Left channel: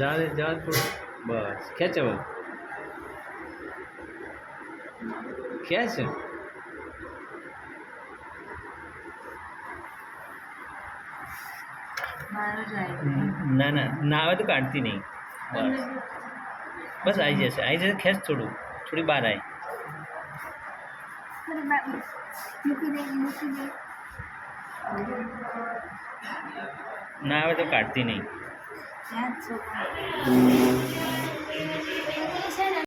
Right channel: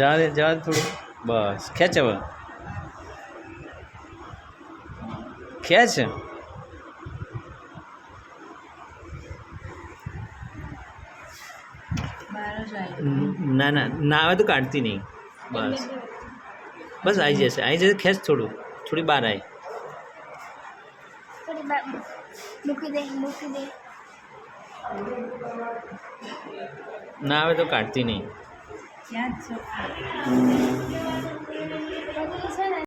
જા દે થોડું. બસ ખેંચ હવે. ખેંચ. ના ના ના આવે તો કાઢતી નહીં. બસ બસ આવી જશે ખેંચ થોડું. થોડી બહાર આવી. મૂકી દે ના આવે તો કાઢતી નહીં. ત્યાં જ છો.